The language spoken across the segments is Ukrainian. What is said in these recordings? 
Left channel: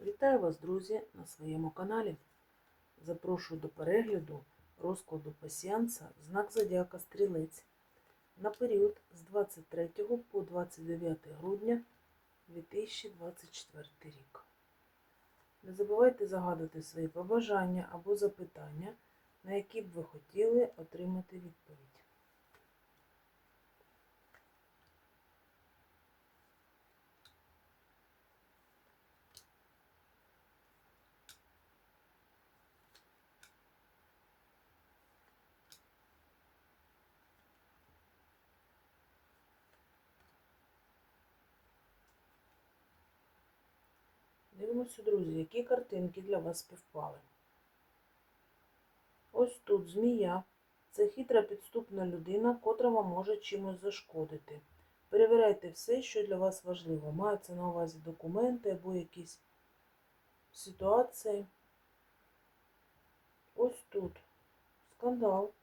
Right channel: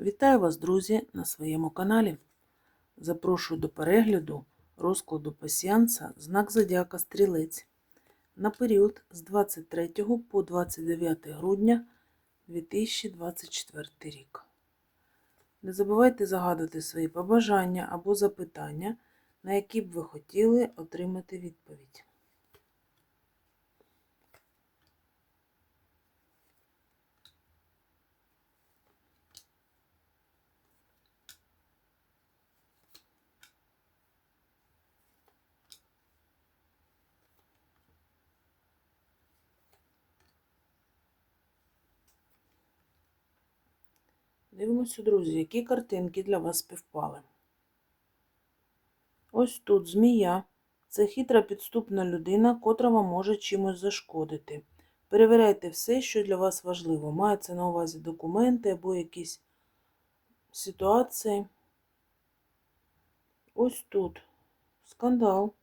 Вітаю вас, друзі, на своєму каналі. Запрошую до перегляду розкладу пасіанса знак Зодіака Стрілець на період з 23 по 29 грудня 2024 рік. Не забувайте загадувати свої побажання або запитання, на які б ви хотіли отримати відповідь. Дивимося, друзі, які картинки для вас співпали. Ось тут змія. Це хитра підступна людина, котра вам може чимось зашкодити. Перевіряйте все, що для вас важливо. Мається на увазі документи або якісь ситуації. Ось тут скандал.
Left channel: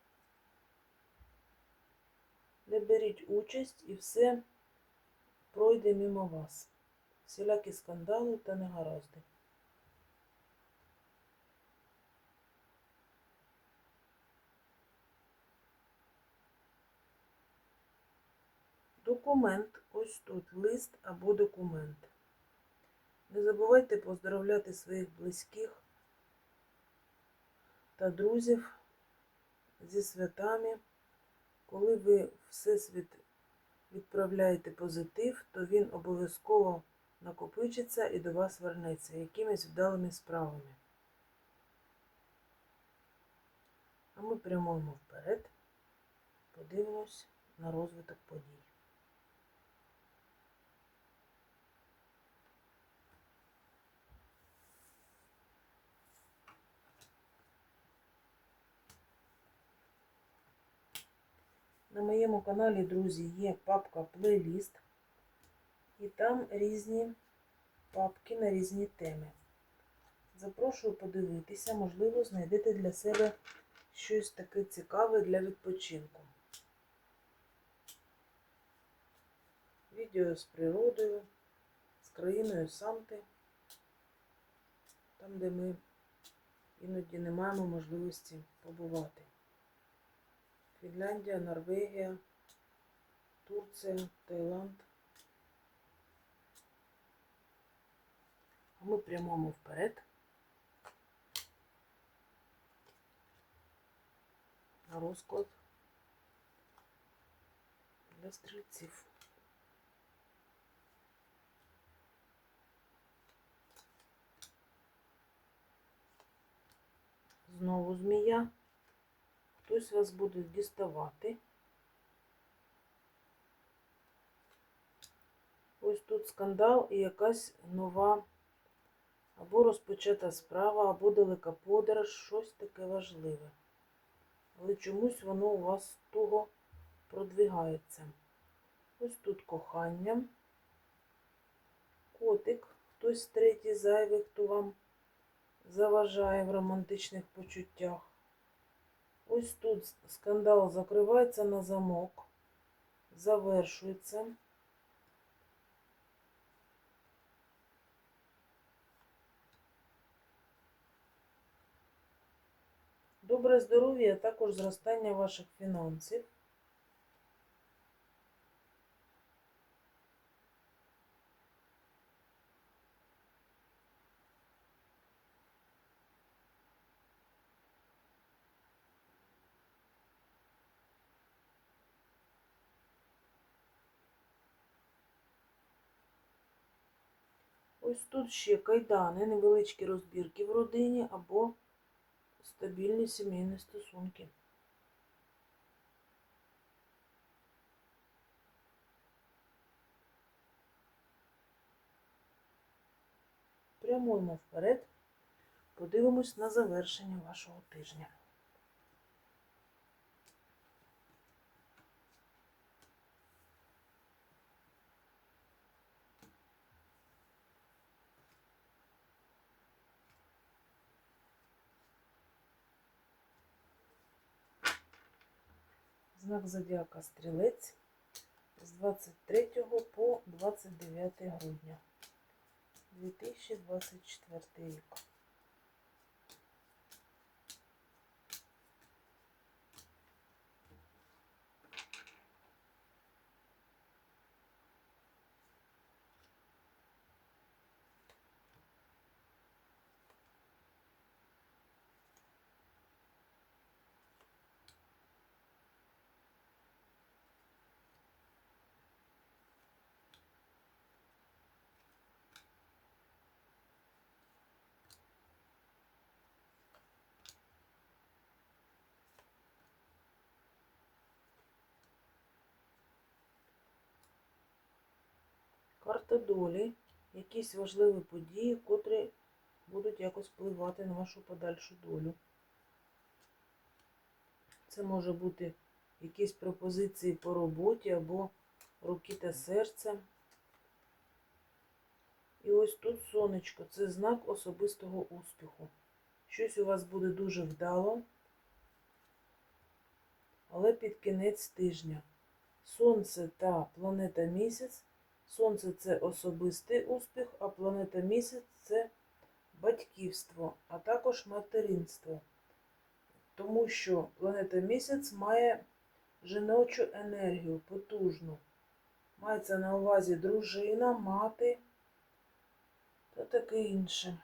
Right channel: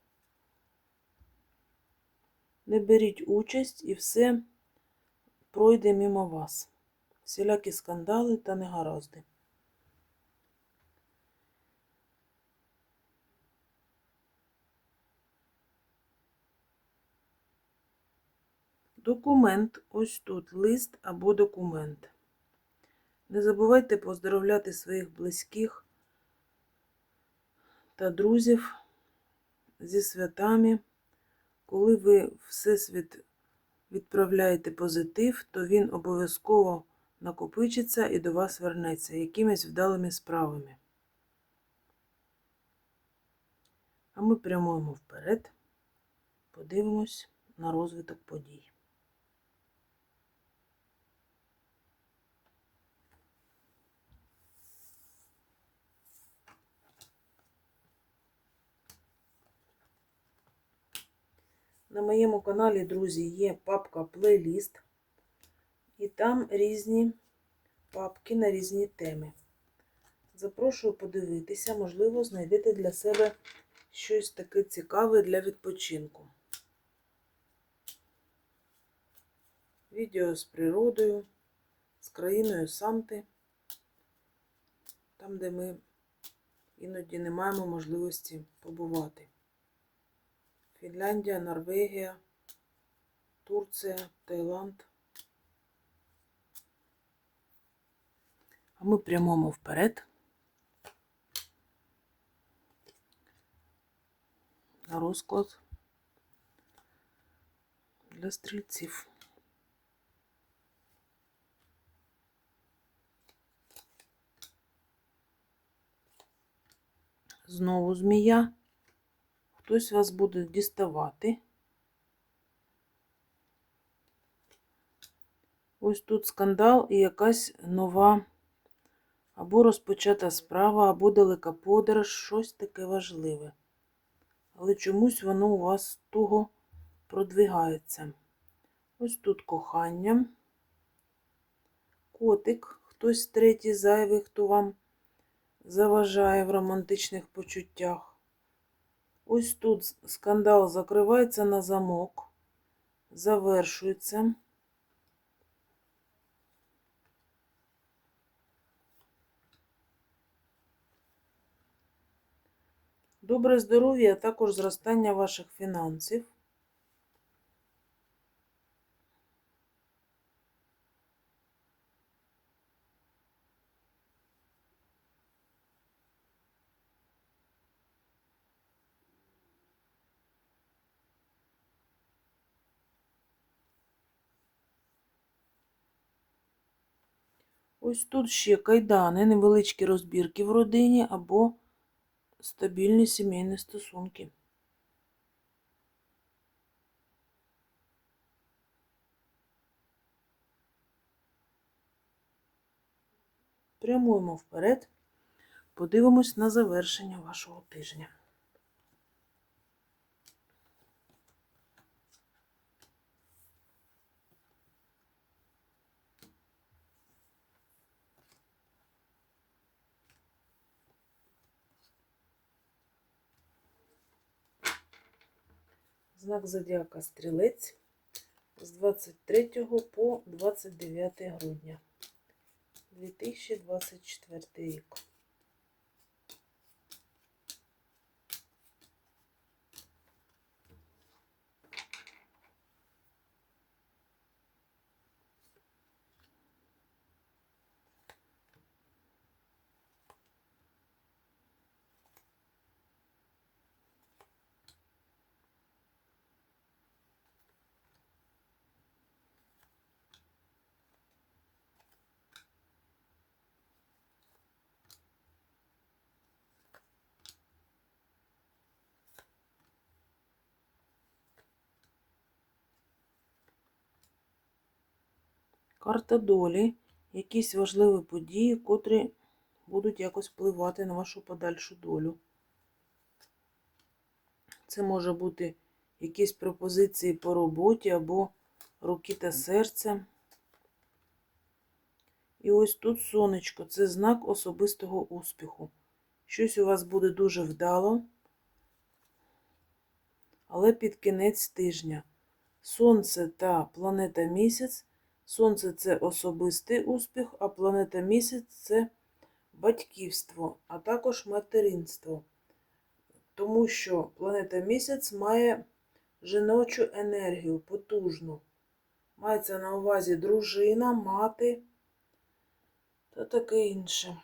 Не беріть участь і все пройде мимо вас. Всілякі скандали та негаразди. Документ, ось тут лист або документ. Не забувайте поздоровляти своїх близьких та друзів зі святами. Коли ви всесвіт відправляєте позитив, то він обов'язково накопичиться і до вас вернеться якимись вдалими справами. А ми прямуємо вперед, подивимось на розвиток подій. На моєму каналі, друзі, є папка плейліст, і там різні папки на різні теми. Запрошую подивитися, можливо, знайдете для себе щось таке цікаве для відпочинку. Відео з природою, з країною Санти, там, де ми іноді не маємо можливості побувати. Фінляндія, Норвегія, Турція, Таїланд. Ми прямуємо вперед. На розклад для стрільців. Знову змія. Хтось вас буде діставати. Ось тут скандал і якась нова або розпочата справа, або далека подорож, щось таке важливе. Але чомусь воно у вас туго продвигається. Ось тут кохання. Котик, хтось третій зайвий, хто вам заважає в романтичних почуттях. Ось тут скандал закривається на замок, завершується. Добре здоров'я, а також зростання ваших фінансів. Ось тут ще кайдани, невеличкі розбірки в родині або стабільні сімейні стосунки. Прямуємо вперед, подивимось на завершення вашого тижня. Знак Зодіака Стрілець з 23 по 29 грудня 2024 рік. Карта долі, якісь важливі події, котрі будуть якось впливати на вашу подальшу долю. Це може бути якісь пропозиції по роботі або руки та серце. І ось тут сонечко це знак особистого успіху. Щось у вас буде дуже вдало, але під кінець тижня. Сонце та планета місяць. Сонце це особистий успіх, а планета місяць це батьківство, а також материнство. Тому що планета місяць має жіночу енергію, потужну. Мається на увазі дружина, мати та таке інше.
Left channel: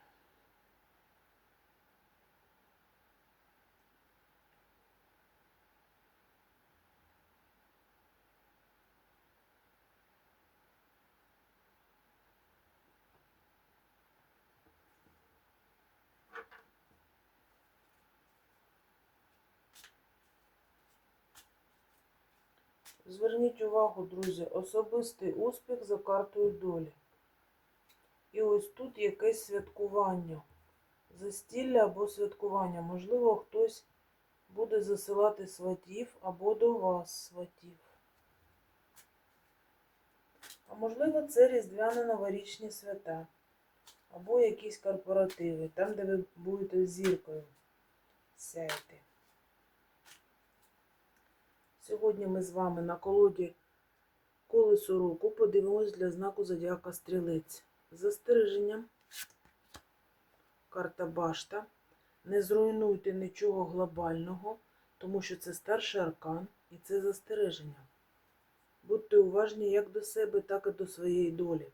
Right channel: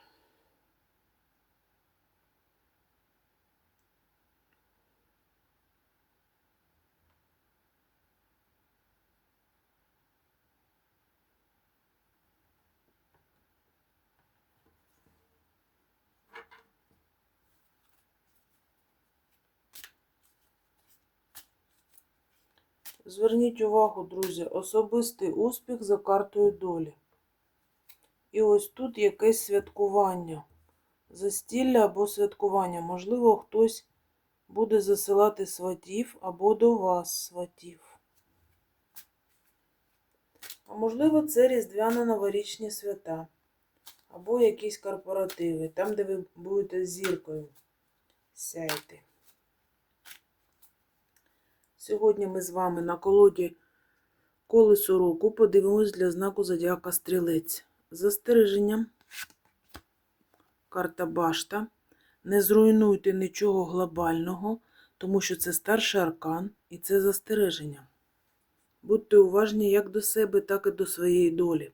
Зверніть увагу, друзі, особистий успіх за картою долі. І ось тут якесь святкування. Застілля або святкування. Можливо, хтось буде засилати сватів або до вас сватів. А можливо, це різдвяно-новорічні свята. Або якісь корпоративи, там, де ви будете з зіркою сяйти. Сьогодні ми з вами на колоді колесо року подивимось для знаку Зодіака Стрілець. Застереження. Карта Башта. Не зруйнуйте нічого глобального, тому що це старший аркан і це застереження. Будьте уважні як до себе, так і до своєї долі.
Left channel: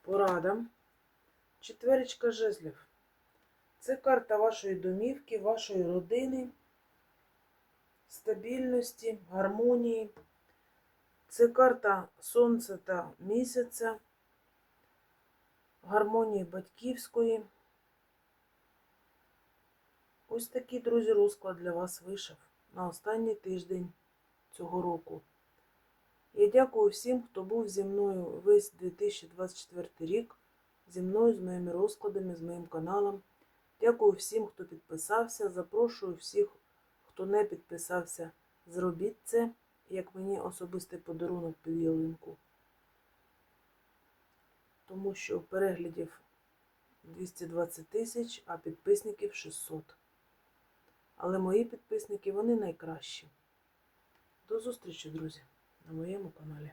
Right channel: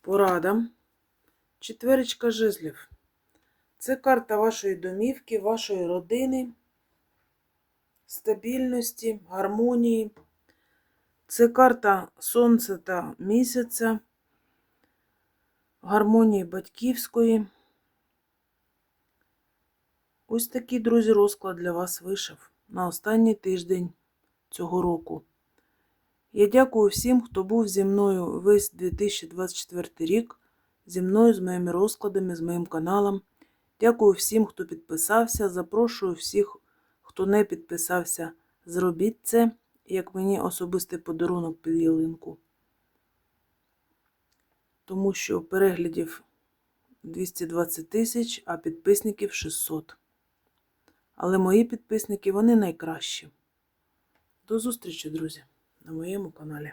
Порада. Четверечка жезлів. Це карта вашої домівки, вашої родини стабільності, гармонії. Це карта Сонця та місяця, гармонії батьківської. Ось такий, друзі, розклад для вас вийшов на останній тиждень цього року. Я дякую всім, хто був зі мною весь 2024 рік, зі мною, з моїми розкладами, з моїм каналом. Дякую всім, хто підписався. Запрошую всіх Хто не підписався, зробіть це, як мені особистий подарунок під ялинку. Тому що переглядів 220 тисяч, а підписників 600. Але мої підписники, вони найкращі. До зустрічі, друзі, на моєму каналі.